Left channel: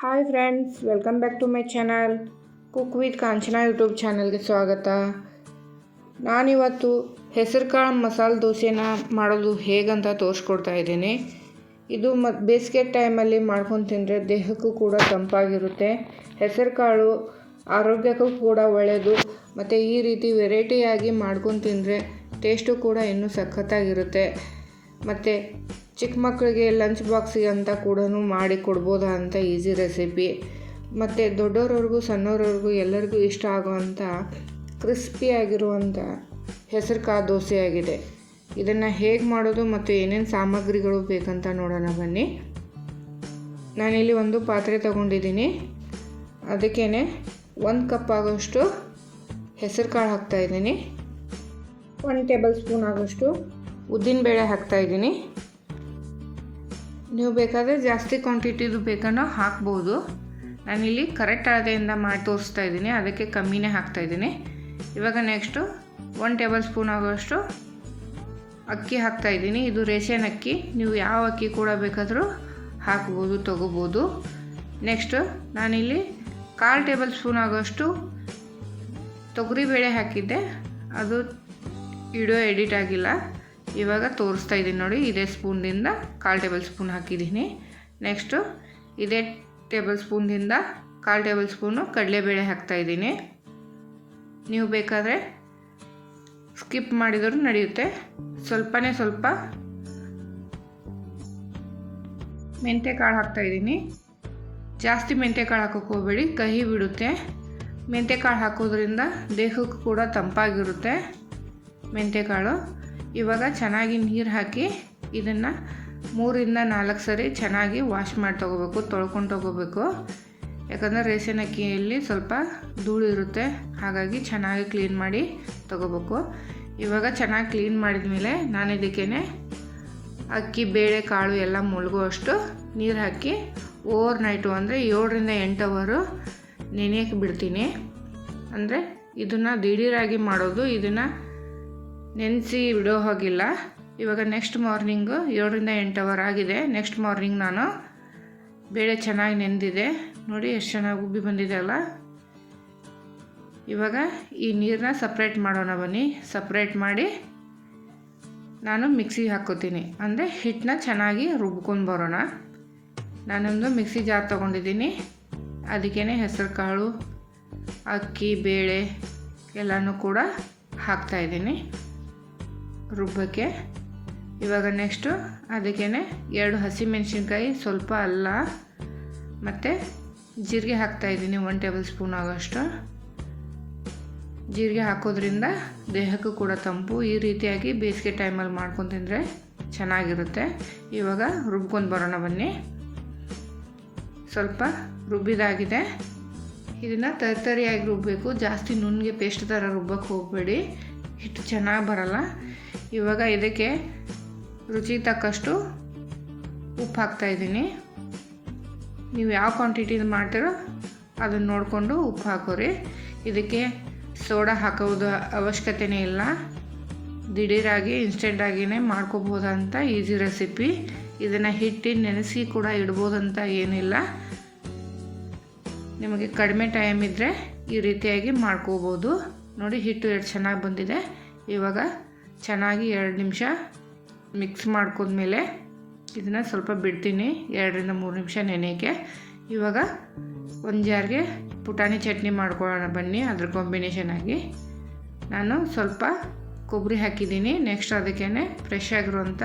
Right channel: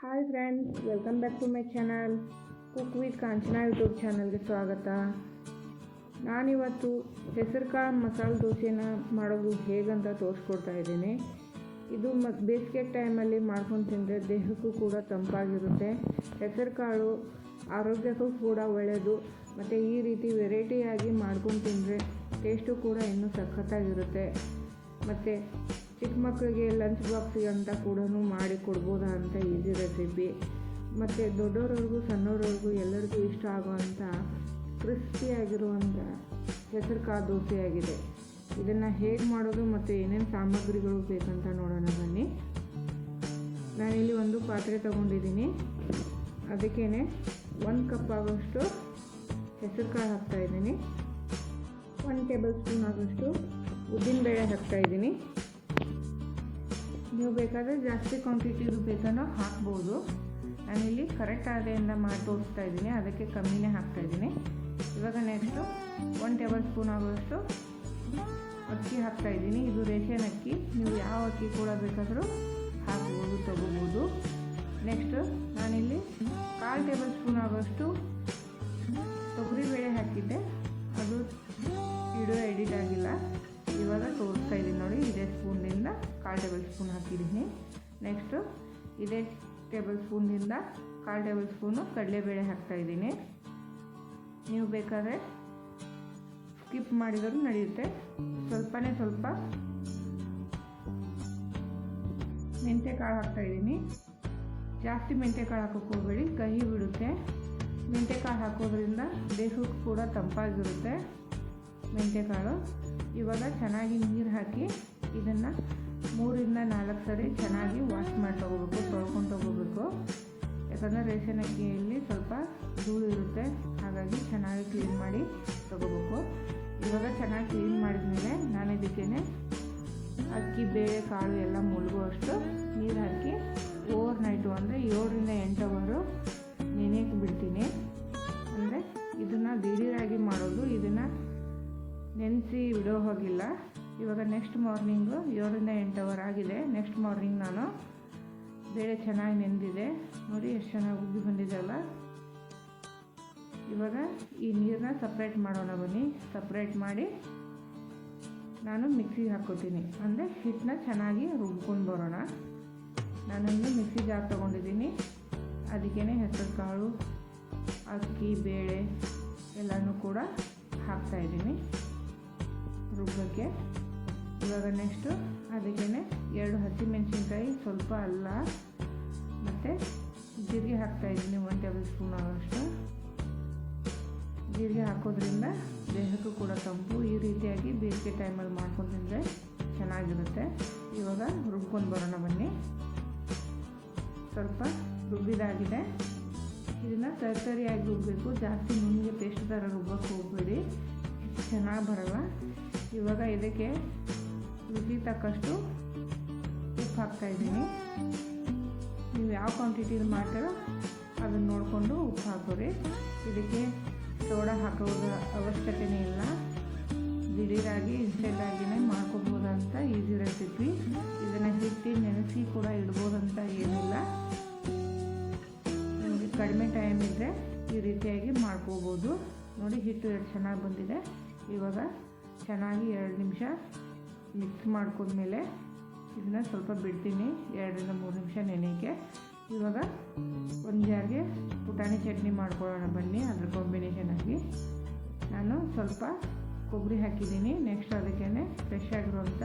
Hi friends welcome back to my channel cook with Kanchana YouTube ಚಾನಲ್ಗೆ ಸ್ವಾಗತ. ನಾನಿವತ್ತು ಹೆಸರು ಕಾಳು ಮಸಾಲೆ ದೋಸೆನ ಮಾಡೋದು ಹೇಗಂತ ತೋರಿಸ್ಕೊಡ್ತಾ ಇದ್ದೀನಿ. ಇದು ಮ ಬೇಸಿಗೆ ಟೈಮಲ್ಲಿ ಮಾಡ್ಕೊಂಡು ತಿಂದರೆ ದೇಹಕ್ಕೂ ಕೂಡ ತಂಪಾಗಿರುತ್ತೆ. ಹೆಸರು ಕಾಳು ಆರೋಗ್ಯಕ್ಕೂ ಕೂಡ ಒಳ್ಳೆಯದು ಮತ್ತು ಈ ರೀತಿ ವೆರೈಟಿಯಾಗಿ ಮಾಡ್ಕೊಂಡು ತಿಂದರೆ ಟೇಸ್ಟು ಕೂಡ ಇನ್ನೂ ಸಖತ್ತಾಗಿರುತ್ತೆ. ಮತ್ತು ಚಿಕ್ಕ ಮಕ್ಕಳಿಗೆ ಲಂಚ್ ಬಾಕ್ಸಿಗೆ ಅಂತ ಕೂಡ ಮಾಡಿ ಕೊಡ್ಬೋದಾ ಅಂತ ಈಸಿ ರೆಸಿಪಿ. ಮತ್ತು ದೊಡ್ಡವ್ರವ್ರಿಗೂ ಸಣ್ಣವ್ರವ್ರಿಗೂ ಎಲ್ಲರಿಗೂ ಇಷ್ಟ ಆಗುವಂಥ ಕ್ರಿಸ್ಪಿಯಾಗಿರುವಂಥ ಹೆಸರು ಕಾಳು ದೋಸೆ ಆಗಿದೆ ಇದನ್ನು ಹೇಗೆ ಮಾಡೋದು ಮತ್ತು ಏನೇನು ಸಾಮಗ್ರಿಗಳು ಬೇಕಂತ ನೋಡೋಣ ಬನ್ನಿ. ನಾನಿಲ್ಲಿ ಒಂದು ಪಾತ್ರೆ ತಗೊಂಡಿದ್ದೀನಿ. ಅದಕ್ಕೇ ಒಂದು ಕಪ್ ಆಗೋಷ್ಟು ಹೆಸರು ಕಾಳು ಹಾಕ್ತಾಯಿದ್ದೀನಿ ಒನ್ ಟೇಬಲ್ ಸ್ಪೂನ್ ಆಗೋಷ್ಟು ಉದ್ದಿನಬೇಳೆ ಹಾಕ್ತಾಯಿದ್ದೀನಿ ನೀವು ಬೇಕಾದರೆ ಜಾಸ್ತಿ ಕ್ವಾಂಟಿಟಿದು ಬೇಕನ್ನೋ ಹಾಕ್ಬೋದು. ನಾನಿಲ್ಲಿ ಕರೆಕ್ಟ್ ಅಳತೆಯಿಂದ ಮಾಡಿ ತೋರಿಸ್ತಾ ಇದ್ದೀನಿ. ಅದಕ್ಕೆ ಕಮ್ಮಿನೇ ಹಾಕ್ತಾ ಇದ್ದೀನಿ. ಇವಾಗ ನೆಕ್ಸ್ಟು ಒನ್ ಟೇಬಲ್ ಸ್ಪೂನ್ ಆಗೋಷ್ಟು ಅಕ್ಕಿ ಹಾಕ್ತಾ ಇದ್ದೀನಿ. ಇದು ರೇಷನ್ ಅಕ್ಕಿ. ನೀವು ಯಾವ ಅಕ್ಕಿ ಕೂಡ ಬೇಕಾದರೂ ಹಾಕ್ಬೋದು, ತೊಗೋಬೋದು. ನೆಕ್ಸ್ಟು ನಾನಿಲ್ಲಿ ಕಾಲು ಟೇಬಲ್ ಸ್ಪೂನ್ ಆಗೋಷ್ಟು ತೊಗರಿಬೇಳೆ ಹಾಕಿದ್ದೆ. ಅದು ವಿಡಿಯೋ ಎಡಿಟ್ ಆಗಿಲ್ಲ. ಇವಾಗ ತೋರಿಸ್ತಾ ಇದ್ದೀನಿ ನೋಡಿ, ಇದೇ ಸ್ಪೂನ್ದಿಂದ ಕಾಲು ಟೇಬಲ್ ಸ್ಪೂನ್ ಹಾಕಿದ್ದೀನಿ. ನೆಕ್ಸ್ಟು ಇದೇ ಟೇಬಲ್ ಸ್ಪೂನ್ದಿಂದ ಕಾಲು ಟೇಬಲ್ ಸ್ಪೂನು ಕಡಲೆಬೇಳೆ ಹಾಕ್ತಾಯಿದ್ದೀನಿ ನೀವು ಬೇಕಾದರೆ ಸ್ಕಿಪ್ ಮಾಡಿದರೂ ನಡೆಯುತ್ತೆ. ಸ್ವಲ್ಪನೇ ಸ್ವಲ್ಪ ಮೆಂತ್ಯ ಕಾಳು ಹಾಕ್ತಾಯಿದ್ದೀನಿ ಜಾಸ್ತಿ ಮೆಂತ್ಯ ಕಾಳು ಹಾಕೋಕೆ ಹೋಗಬೇಡಿ, ಕಹಿ ಬಿಡುತ್ತೆ. ಮೆಂತ್ಯ ಕಾಳು ಹಾಕೋದ್ರಿಂದ ದೇಹಕ್ಕೂ ಕೂಡ ತಂಪಾಗಿರುತ್ತೆ ಮೆಂತ್ಯಕಾಳು ಇವಾಗ ಚೆನ್ನಾಗಿ ನೀರು ಹಾಕಿ ಇದನ್ನು ಮೂರಿಂದ ನಾಲ್ಕು ಸರಿ ಚೆನ್ನಾಗಿ ವಾಶ್ ಮಾಡಿ ತೊಗೋಬೇಕು, ತೊಳ್ಕೊಂಡು ತೊಗೋಬೇಕು. ಯಾಕಂದರೆ ರೇಷನ್ ಅಕ್ಕಿಯಲ್ಲಿ ಸ್ವಲ್ಪ ಧೂಳು ಇರುತ್ತೆ, ಹಾಗಾಗಿ ಚೆನ್ನಾಗಿ ಕ್ಲೀನ್ ಮಾಡಿ ತೊಗೋಬೇಕು. ಇವಾಗ ಚೆನ್ನಾಗಿ ಕ್ಲೀನ್ ಮಾಡಿದ ಮೇಲೆ ನಾನು ಇದಕ್ಕೇ ಅಕ್ಕಿ, ಬೇಳೆ, ಕಾಳು ಎಲ್ಲ ಮುಳುಗುವಷ್ಟು ನೀರು ಹಾಕಿ ಓವರ್ ನೈಟು ಅಂದರೆ ಏಳರಿಂದ ಎಂಟು ಅವರು ನೆನೆಯಕ್ಕೆ ಬಿಡ್ತೀನಿ. ಅಂದರೆ ಇದನ್ನು ದಿಢೀರಾಗಿ ಮಾಡೋದು, ಇದನ್ನು ನೆನೆಸಿ ಬಿಡೋ ಹೋಗಿಲ್ಲ. ಇವಾಗ ನೆಕ್ಸ್ಟ್ ಮಾರ್ನಿಂಗು ಏಳರಿಂದ ಎಂಟು ಅವರ್ ಆಗಿದೆ. ನೆಕ್ಸ್ಟ್ ಮಾರ್ನಿಂಗ್ ನಾನು ಬೇಳೆ ಚೆನ್ನಾಗಿ ನೆಂದಿದೆ. ನೋಡಿ ಎಷ್ಟು ಚೆನ್ನಾಗಿ ಉಬ್ಬಿ ಬಂದಿದೆ ಅಲ್ಲ. ಇವಾಗ ಈ ನೀರನ್ನ ಸಪ್ರೇಟ್ ಮಾಡೋಣ ಬನ್ನಿ. ಸಪ್ರೇಟ್ ಮಾಡಿ ನಾನು ಮಿಕ್ಸಿಗೆ ಹಾಕ್ಕೋತೀನಿ. ಅಂದರೆ ಹಿಟ್ಟನ್ನ ಚೆನ್ನಾಗಿ ರುಬ್ಕೊಂಡು ಬರೋಣ. ನಾನೊಂದು ಮಿಕ್ಸಿ ಜಾರ್ ತೊಗೊಂಡಿದ್ದೀನಿ. ಅದಕ್ಕೇ ಹೆಸರು ಕಾಳು, ಅಕ್ಕಿ, ಬೇಳೆ ಎಲ್ಲನೂ ಕೂಡ ಹಾಕ್ತಾಯಿದ್ದೀನಿ ರುಬ್ಬಕ್ಕೆ. ಇವಾಗ ನೆಕ್ಸ್ಟು ಅದಕ್ಕೇ ಎರಡು ಹಸಿಮೆಣ್ಸಿನ್ಕಾಯಿ ಸ್ವಲ್ಪ ಅಲ್ಲ. ಮತ್ತು ಜೀರಿಗೆ ಹಾಕ್ತಾಯಿದ್ದೀನಿ ಒನ್ ಟೇಬಲ್ ಸ್ಪೂನ್ ಆಗೋಷ್ಟು. ಜೀರಿಗೆ ಹಾಕೋದ್ರಿಂದ ದೇಹಕ್ಕೂ ಕೂಡ ತಂಪು. ಈ ರೀತಿಯಾಗಿ ಬೇಸಿಗೆ ಟೈಮಲ್ಲಿ ಮಾಡ್ಕೊಂಡು ತಿಂದರೆ ಚೆನ್ನಾಗಿರುತ್ತೆ. ಇವಾಗ ರುಬ್ಕೊಂಡು ಬರೋಣ ಬನ್ನಿ. ಸ್ವಲ್ಪ ರುಬ್ಬಿದಾಗಿದೆ. ಇದನ್ನು ತರಿತರಿಯಾಗಿ ರುಬ್ಬಬೇಕು ಜಾಸ್ತಿ ನುಣ್ಣಗೆ ಪೇಸ್ಟ್ ಥರ ರುಬ್ಬಕ್ಕೆ ಹೋಗಬೇಡಿ. ಹಿಟ್ಟು ಚೆನ್ನಾಗಿ ಬರಲ್ಲ. ಇವಾಗ ಇದಕ್ಕೆ ರುಚಿಗೆ ತಕ್ಕಷ್ಟು ಉಪ್ಪು ಹಾಕ್ತಾಯಿದ್ದೀನಿ ನೀವು ಯಾವ ಕ್ವಾಂಟಿಟಿದು ಮಾಡ್ತೀರೋ ಅದನ್ನು ನೋಡಿಕೊಂಡು ಉಪ್ಪು ಹಾಕೋರಿ. ಇದಕ್ಕೆ ಸೋಡಾ ಹಾಕೋದು ಅವಶ್ಯಕತೆಯೇ ಇಲ್ಲ. ದಿಢೀರಾಗಿ ಇನ್ಸ್ಟೆಂಟಾಗಿಯೇ ಮಾಡ್ಕೋಬೋದಂತ ಈಸಿ ರೆಸಿಪಿ ಇದನ್ನು ಹಿಟ್ಟು ನೆನೆಸಿ ಕೂಡ ಇಡ್ಬೋದಂತ ಏನಿಲ್ಲ. ನಿಮಗೆ ಕಡಿಮೆ ಟೈಮ್ ಇದ್ದರೆ ಈ ರೀತಿಯಾಗಿ ಮಾಡ್ಕೋಬೋದು. ನೋಡಿ ಹಿಟ್ಟು ಎಷ್ಟು ಚೆನ್ನಾಗಿ ಬಂದಿದೆ. ಇವಾಗ ಚೆನ್ನಾಗಿ ಎರಡು ನಿಮಿಷ ಮಿಕ್ಸ್ ಮಾಡ್ಕೊಂಡ್ಮೇಲೆ ಇದನ್ನು ಸ್ವಲ್ಪ ಬಿಡ್ತೀನಿ, ಎರಡರಿಂದ ಮೂರು ನಿಮಿಷ ನೆನೆಯೋಕ್ಕೆ. ಇವಾಗ ಒಂದು ಜಾರ್ಗೆ ಪುಟಾಣಿ ಚಟ್ನಿ ಮಾಡ್ಕೊಳ್ಳೋಣ ಬನ್ನಿ, ಅದ್ರ ಕಾಂಬಿನೇಷನ್ ಆಗಿ. ನಾನು ಸ್ವಲ್ಪ ಕೊಬ್ಬರಿ ಹಾಕಿದ್ದೀನಿ ನೆಕ್ಸ್ಟ್ ಅದಕ್ಕೇ ಫ್ರೆಶ್ ಆಗಿರುವಂಥ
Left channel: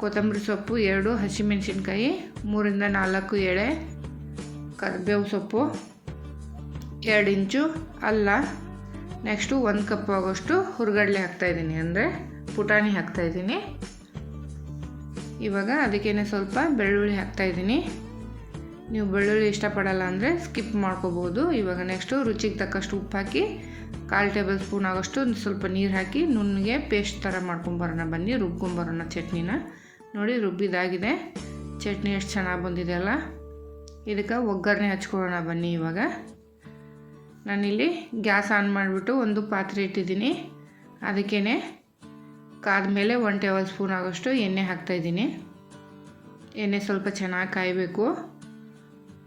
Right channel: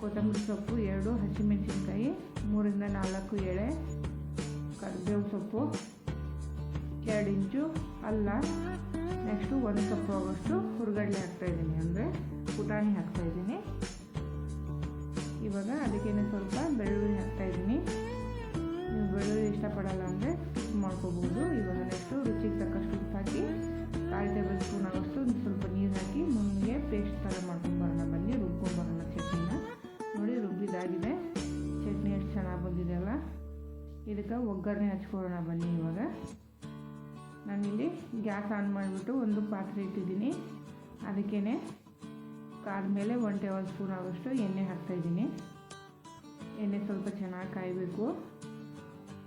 ಕೊತ್ತಂಬರಿ ಸೊಪ್ಪು, ಎರಡು ಹಸಿಮೆಣಸಿನ್ಕಾಯಿ, ಮೂರಿಂದ ನಾಲ್ಕು ಎಳೆ ಕರಿಬೇವು ಸೊಪ್ಪು, ಎರಡು ಇಂಚು ಅಲ್ಲ ನೆಕ್ಸ್ಟು ಒಂದು ಕಪ್ ಆಗೋಷ್ಟು ಹುರ್ಗಡ್ಲೆ ಹಾಕ್ತಾಯಿದ್ದೀನಿ ಅಂದರೆ ಪುಟಾಣಿ ಹಾಕ್ತಾಯಿದ್ದೀನಿ ಇವಾಗ ಅದಕ್ಕೇನೆ ಸ್ವಲ್ಪ ಬೆಳ್ಳುಳ್ಳಿ ಹಾಕ್ತಾಯಿದ್ದೀನಿ ನೀವು ಬೆಳ್ಳುಳ್ಳಿ ಇಷ್ಟಪಡಲ್ಲ ಅಂದರೆ ಸ್ಕಿಪ್ ಮಾಡ್ಕೋಬೋದು. ಇವಾಗ ನೆಕ್ಸ್ಟು ರುಚಿಗೆ ತಕ್ಕಷ್ಟು ಉಪ್ಪು ಹಾಕಿ ಕಾಲು ಟೇಬಲ್ ಸ್ಪೂನ್ ಆಗೋಷ್ಟು ಸ್ವಲ್ಪ ನೀರು ಹಾಕಿ ನುಣ್ಣಗೆ ಪೇಸ್ಟ್ ಥರ ಮಾಡ್ಕೊಂಬರೋಣ ಬನ್ನಿ ರುಬ್ಕೊಂಬರೋಣ ಚಟ್ನಿನ. ನೋಡಿ, ರುಬ್ಬಿದಾಗಿದೆ. ಚಟ್ನಿ ಎಷ್ಟು ಚೆನ್ನಾಗಿ ಬಂದಿದೆ ಅಲ್ಲ? ಇದಕ್ಕೆ ಒಗ್ಗರಣೆ ಹಚ್ಕೊಳ್ಳೋಣ ಬನ್ನಿ ಇವಾಗ. ನಾನಿಲ್ಲಿ ಗ್ಯಾಸ್ ಆನ್ ಮಾಡಿಬಿಟ್ಟು ಒಂದು ಪಾತ್ರೆ ಇಟ್ಟಿದ್ದೀನಿ. ಅದಕ್ಕೇ ಕಾದ್ಮೇಲೆ ಒನ್ ಟೇಬಲ್ ಸ್ಪೂನ್ ಆಗೋಷ್ಟು ಎಣ್ಣೆ ಹಾಕ್ತಾಯಿದ್ದೀನಿ ಎಣ್ಣೆ ಸ್ವಲ್ಪ ಚೆನ್ನಾಗಿ ಕಾಯಬೇಕು.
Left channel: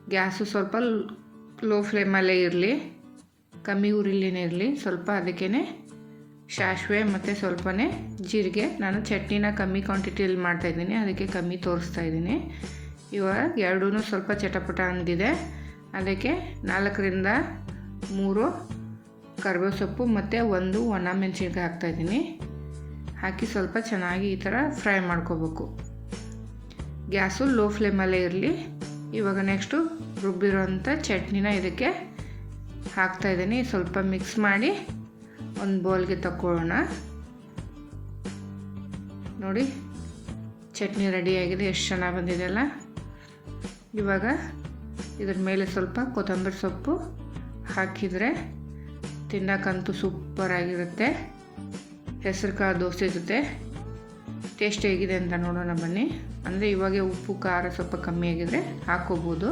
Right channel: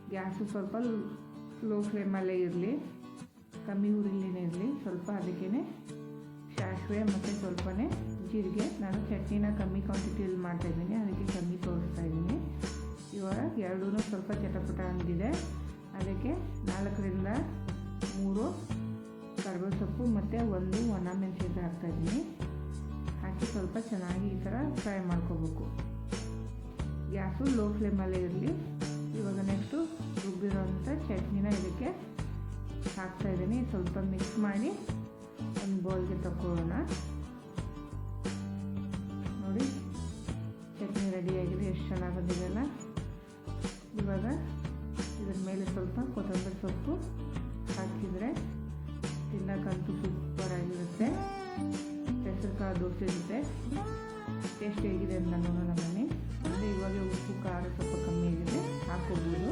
ಗ್ಯಾಸು ಸ್ವಲ್ಪ ಲೋ ಫ್ಲೇಮಲ್ಲೇ ಇರಲಿ. ಕಮ್ಮಿ ಉರಿಲಿನೇ ಇರಲಿ. ಸ್ವಲ್ಪ ಅದಕ್ಕೇ ಸಾಸಿವೆ ಮತ್ತು ಸ್ವಲ್ಪನೇ ಜೀರಿಗೆ. ನಾನು ಚಟ್ನಿನ ಕಮ್ಮಿ ಕ್ವಾಂಟಿಟಿಯಲ್ಲಿ ಮಾಡ್ತಾಯಿದ್ದೀನಿ ಅದಕ್ಕೆ ಕಮ್ಮಿ ತೋರಿಸ್ತಾ ಇದ್ದೀನಿ. ಇವಾಗ ಎರಡೂ ಸ್ವಲ್ಪ ಚಟಪಟ ಅಂದಿದೆ ಅದಕ್ಕೆ ನಾಲ್ಕರಿಂದ ಮೂರು, ಕರ್ಬೇವು ಸೊಪ್ಪು ಮತ್ತು ಒಂದು ಒಣ ಮೆಣಸಿನ್ಕಾಯಿ ಹಾಕ್ತಾಯಿದ್ದೀನಿ ಹಾಕಿ ಸ್ವಲ್ಪ ಚೆನ್ನಾಗಿ ಈ ಥರ ಫ್ರೈ ಮಾಡ್ಕೋಬೇಕು. ಗ್ಯಾಸು ಲೋ ಫ್ಲೇಮಲ್ಲೇ ಇರಲಿ. ಇವಾಗ ನೆಕ್ಸ್ಟು ರುಬ್ಬಿರೋಂಥ ಚಟ್ನಿನ ಇದಕ್ಕೆ ಹಾಕ್ತಾಯಿದ್ದೀನಿ ಸ್ವಲ್ಪ ಮಿಕ್ಸ್ ಮಾಡಿ ಒಂದು ಬೌಲ್ಗೆ ತಗೊಳ್ಳೋಣ ನೋಡಿ, ಚಟ್ನಿ ರೆಡಿಯಾಗಿದೆ ಎಷ್ಟು ಚೆನ್ನಾಗಿ ಬಂದಿದೆಯಲ್ಲ ಇವಾಗ ಇದ್ರ ಮೇಲೆ ಸ್ವಲ್ಪ ಕೊತ್ತಂಬರಿ ಸೊಪ್ಪು ಹಾಕಿದರೆ ತಿನ್ನಕ್ಕಂತೂ ಸೂಪರಾಗಿರುತ್ತೆ ಹೆಸರು ಕಾಳು ದೋಸೆ ಜೊತೆ. ಟೇಸ್ಟ್ ಹೇಗಿದೆ ಅಂತ ನೋಡೋಣ ಬನ್ನಿ. ಅಂದರೆ ಇವಾಗ ಉಪ್ಪು, ಖಾರ ಸ್ವಲ್ಪ ಕಮ್ಮಿ ಆಗಿದೆ. ಹಾಕೋಬೋದು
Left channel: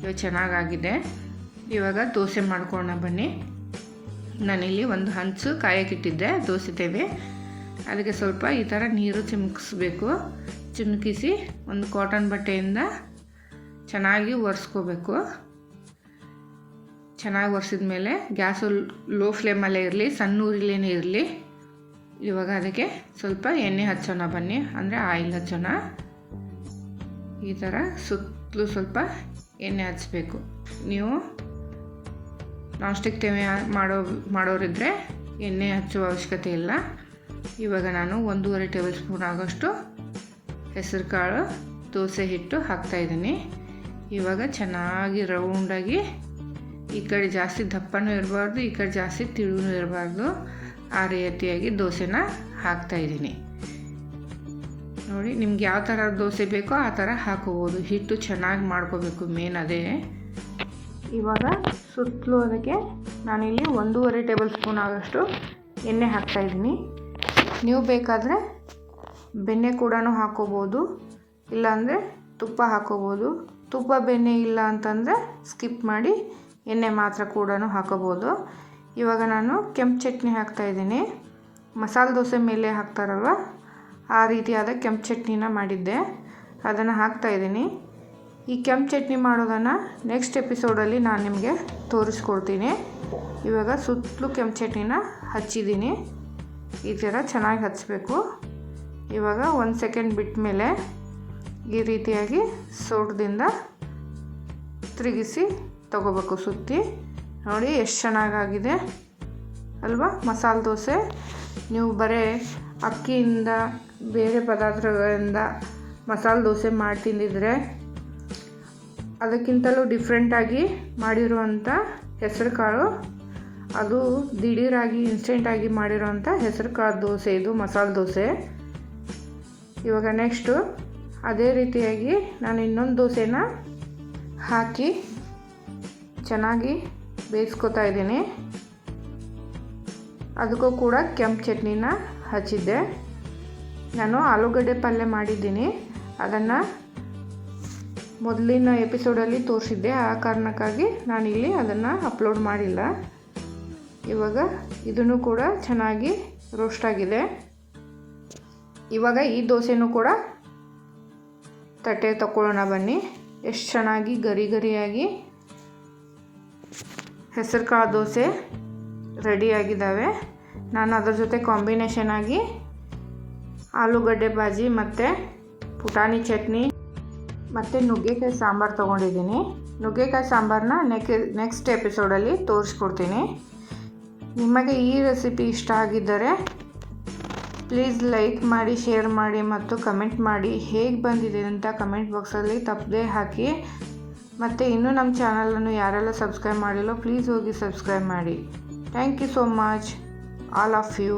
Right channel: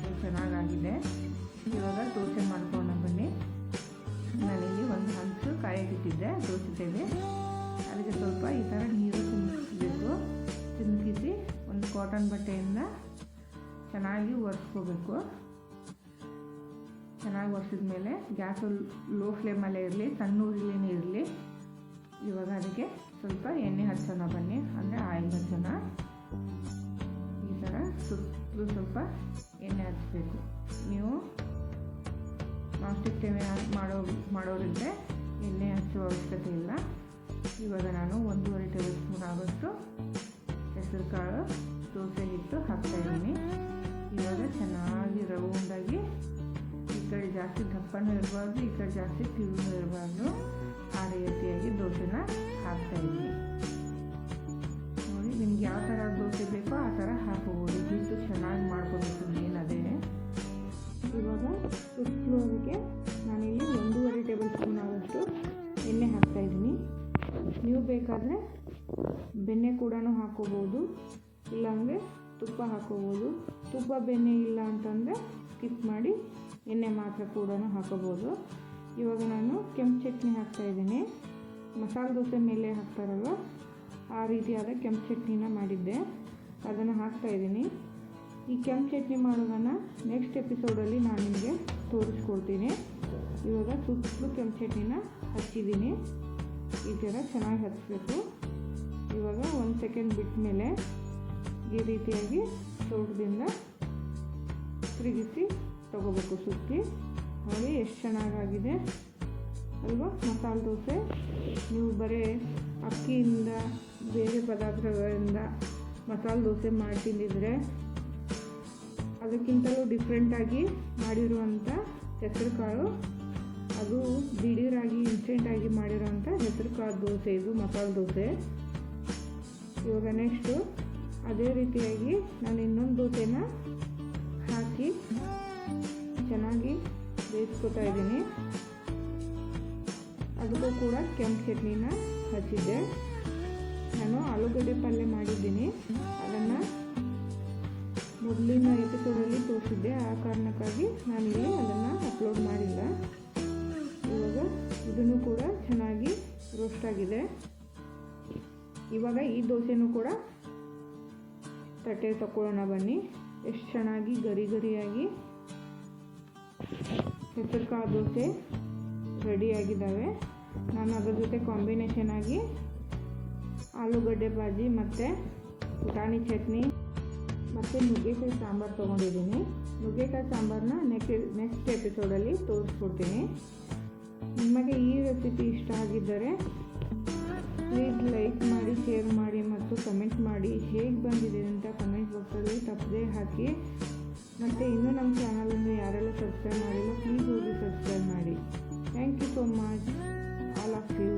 ಇವಾಗ ಚೆನ್ನಾಗಾಗಿದೆ. ಇವಾಗ ದೋಸೆ ಮಾಡ್ಕೊಳ್ಳೋಣ ಬನ್ನಿ. ನಾನಿಲ್ಲಿ ಒಂದು ಹಂಚು ಕಾಯಕ್ಕಿಟ್ಟಿದ್ದೆ ದೋಸೆ ತೇವೆ ಅದಕ್ಕೆ ಸ್ವಲ್ಪ ಈ ಥರ ನೀರು ಚಿಮುಕಿಸ್ಬೇಕು. ಚಿಮುಕಿಸಿ ಒಂದು ಕಾಟನ್ ಬಟ್ಟೆಯಿಂದ ಚೆನ್ನಾಗಿ ಒರೆಸ್ಕೋಬೇಕು. ಚೆನ್ನಾಗಿ ಒರೆಸಿದ ಮೇಲೆ ಗ್ಯಾಸು ಲೋ ಫ್ಲೇಮಲ್ಲೇ ಇರಲಿ ಸಣ್ಣ ಊರಿಲೇ ಇರಲಿ. ಇವಾಗ ಅದಕ್ಕೆ ಸ್ವಲ್ಪ ಎಣ್ಣೆ ಹಚ್ಚೋಣ ಬನ್ನಿ. ಅಂದರೆ ಆಯಿಲ್ ಹಚ್ಚೋಣ. ಈ ಥರ ಸುತ್ತಲೂ ಸ್ವಲ್ಪ ಎಣ್ಣೆ ಹಚ್ಚಬೇಕು ನೀವು ನಾಸ್ಟಿಕ್ ಸ್ಟಿಕ್ ತೆವೆ ಮಾಡೋ ಮಾಡೋರಿದ್ದರೆ ಎಣ್ಣೆ ಹಚ್ಚುವ ಅವಶ್ಯಕತೆ ಇಲ್ಲ. ಇವಾಗ ನಾನು ಒಂದೂವರೆ ಟೇಬಲ್ ಸ್ಪೂನ್ ಆಗೋಷ್ಟು ಹೆಸರು ಕಾಳು ದೋಸೆ ಹಿಟ್ಟು ಹಾಕ್ತಾಯಿದ್ದೀನಿ ಇವಾಗ ಚೆನ್ನಾಗಿ ರೌಂಡಾಗಿ ಈ ಕಡೆ ಜಾಸ್ತಿ ದಪ್ಪನೂ ಇರಬಾರ್ದು, ಈ ಕಡೆ ಜಾಸ್ತಿ ತಿಳುವೂ ಇರಬಾರ್ದು. ಆ ರೀತಿಯಾಗಿ ದೋಸೆನ ಹಾಕ್ತಾಯಿದ್ದೀನಿ ನೋಡಿ, ನಿಮ್ಗೆ ಯಾವ ಥರ ದೋಸೆ ಬೇಕೋ ಆ ಥರ ಹಾಕೋಬೋದು. ಹಿಟ್ಟು ಚೆನ್ನಾಗಿ ಮಾಡ್ಕೋಬೇಕು ಮೇನ್ ಅದೇ. ಇವಾಗ ಸುತ್ತಲೂ ಅದಕ್ಕೆ ನಾನಿಲ್ಲಿ ಒಂದೂವರೆ ಟೇಬಲ್ ಸ್ಪೂನ್ ಆಗೋಷ್ಟು ಎಣ್ಣೆ ಹಾಕ್ತಾಯಿದ್ದೀನಿ ನೀವು ಬೇಕಾದರೆ ಬೆಣ್ಣೆ ಕೂಡ ಹಾಕೋಬೋದು, ಇಲ್ಲಾಂದರೆ ತುಪ್ಪ ಹಾಕೋಬೋದು. ತುಪ್ಪ, ಬೆಣ್ಣೆ ಇಲ್ಲ ಅಂತಂದರೆ ಸ್ಕಿಪ್ ಮಾಡಿ ಎಣ್ಣೆ ಮಾತ್ರ ಕೂಡ ಹಾಕೋಬೋದು. ಇವಾಗ ನಾನು ಕೆಂಪು ಚಟ್ನಿ ಹಾಕ್ತಾಯಿದ್ದೀನಿ ಮಸಾಲೆ ದೋಸೆ ಮೇಲೆ ಹಾಕ್ತಾರಲ್ವ, ಆ ರೀತಿಯಾದ ಕೆಂಪು ಚಟ್ನಿನ ಮಾಡಿದ್ದೆ. ಅದನ್ನು ಹಾಕ್ತಾಯಿದ್ದೀನಿ ಈ ಕೆಂಪು ಚಟ್ನಿ ಮಾಡೋದನ್ನು ನೆಕ್ಸ್ಟ್ ಎಪಿಸೋಡಲ್ಲಿ ನಾನು ನಿಮಗೆ ತೋರಿಸ್ಕೊಡ್ತೀನಿ. ಇವಾಗ ಸುತ್ತಲೂ ಕೆಂಪು ಚಟ್ನಿನ ಹಚ್ಚಿದ್ದೀನಿ. ಈ ಥರ ಚೆನ್ನಾಗಿ ಹಚ್ಚಬೇಕು ಇವಾಗ ಒಂದು ಸೆಕೆಂಡ್ ಬಿಟ್ಟ ಮೇಲೆ ಈ ರೀತಿಯಾಗಿ ಸೋಟದಿಂದ ತಿರುಗಿಸಿ ತಗೋಬೇಕು ಸುತ್ತಿ. ನೋಡಿ, ಎಷ್ಟು ಚೆನ್ನಾಗಾಗಿದೆ. ಅಲ್ವಾ? ಮಸಾಲೆ ದೋಸೆ. ನೀವು ಬರೀ ಅಕ್ಕಿಯಿಂದ, ಬೇರೆ ಪದಾರ್ಥಗಳಿಂದ ಮಸಾಲೆ ದೋಸೆ ಮಾಡಿ ತಿಂದಿದ್ರೆ ಅದಕ್ಕಿಂತಲೂ ಡಿಫ್ರೆಂಟಾಗಿ ಮಾಡಿರುವಂಥ ಹೆಸರು ಕಾಳು ಅದು ದಿಢೀರಾಗಿ ಇನ್ಸ್ಟೆಂಟಾಗಿ ಮಾಡಿರೋವಂಥ ಹೆಸರು ಕಾಳು ದೋಸೆ. ಇದು ಮಸಾಲೆ ದೋಸೆ. ಇವಾಗ ನೆಕ್ಸ್ಟು ಅದೇ ರೀತಿಯಾಗಿ ನಾನು ಇನ್ನೊಂದು ದೋಸೆನ ಹಾಕಿ ಚೆನ್ನಾಗಿ ಬೇಯಿಸ್ಕೊತಾ ಇದ್ದೀನಿ. ಅದಕ್ಕೂ ಕೂಡ ಕೆಂಪು ಚಟ್ನಿನ ಹಚ್ಚಿದ್ದೆ. ನಾನು ಆಲೂಗಡ್ಡೆ ಪಲ್ಯ ಮಾಡಿದ್ದೀನಿ. ಅದನ್ನು ಮೊದಲಿನ ಎಪಿಸೋಡಲ್ಲಿ ತೋರಿಸಿದ್ದೆ. ಆ ಕಾರಣಕ್ಕಾಗಿ ನಾನಿಲ್ಲಿ ಅದನ್ನು ಅಪ್ಲೋಡ್ ಮಾಡಿಲ್ಲ. ಇವಾಗ ಇದನ್ನು ಕೂಡ ಚೆನ್ನಾಗಿ ರೋಸ್ಟ್ ಆಗಿದೆ. ಇವಾಗ ಈ ದೋಸೆನೂ ಕೂಡ ತಟ್ಟೆ ತಗೊಳ್ಳೋಣ ಬನ್ನಿ. ಎಷ್ಟು ಚೆನ್ನಾಗಿ ಗರಿ ಗರಿಯಾಗಿ ಹೆಸರು ಕಾಳು ದೋಸೆ ರೆಡಿಯಾಗಿದ್ದಾವೆ. ನಾನು ಅದ್ರ ಜೊತೆ ಕಾಂಬಿನೇಷನ್ ಆಗಿ ಆಲೂಗಡ್ಡೆ ಬಾಜಿ ಮತ್ತು ಪುಟಾಣಿ ಚಟ್ನಿ ಮತ್ತು ನುಗ್ಗೆಕಾಯಿ ಸಾಂಬಾರು ತೊಗೊಂಡಿದ್ದೀನಿ. ನುಗ್ಗೆಕಾಯಿ ಸಾಂಬಾರನ್ನ ನೆಕ್ ನೆಕ್ಸ್ಟ್ ಎಪಿಸೋಡಲ್ಲಿ ತೋರಿಸ್ಕೊಡ್ತೀನಿ. ನಿಮಗೆ ಈ ರೆಸಿಪಿ ಇಷ್ಟ ಆಗಿದ್ದರೆ ಪ್ಲೀಸ್ ಲೈಕ್ ಮಾಡಿ ಶೇರ್ ಮಾಡಿ ಮತ್ತು ಕಮೆಂಟ್ ಮಾಡಿ ಹೇಗೆ ಬಂದಿದೆ ಅಂತ ಕಮೆಂಟ್ ಬಾಕ್ಸಲ್ಲಿ ತಪ್ಪದೆ ಹಾಕಿ ಮತ್ತು ಇನ್ನೂ ನಮ್ಮ ಚಾನಲನ್ನು ಯಾರೆಲ್ಲ ಸಬ್ಸ್ಕ್ರೈಬ್ ಮಾಡಿಲ್ಲೋ ಪ್ಲೀಸ್ ಹೋಗಿ ಸಬ್ಸ್ಕ್ರೈಬ್ ಮಾಡಿ. Thank you so much all of you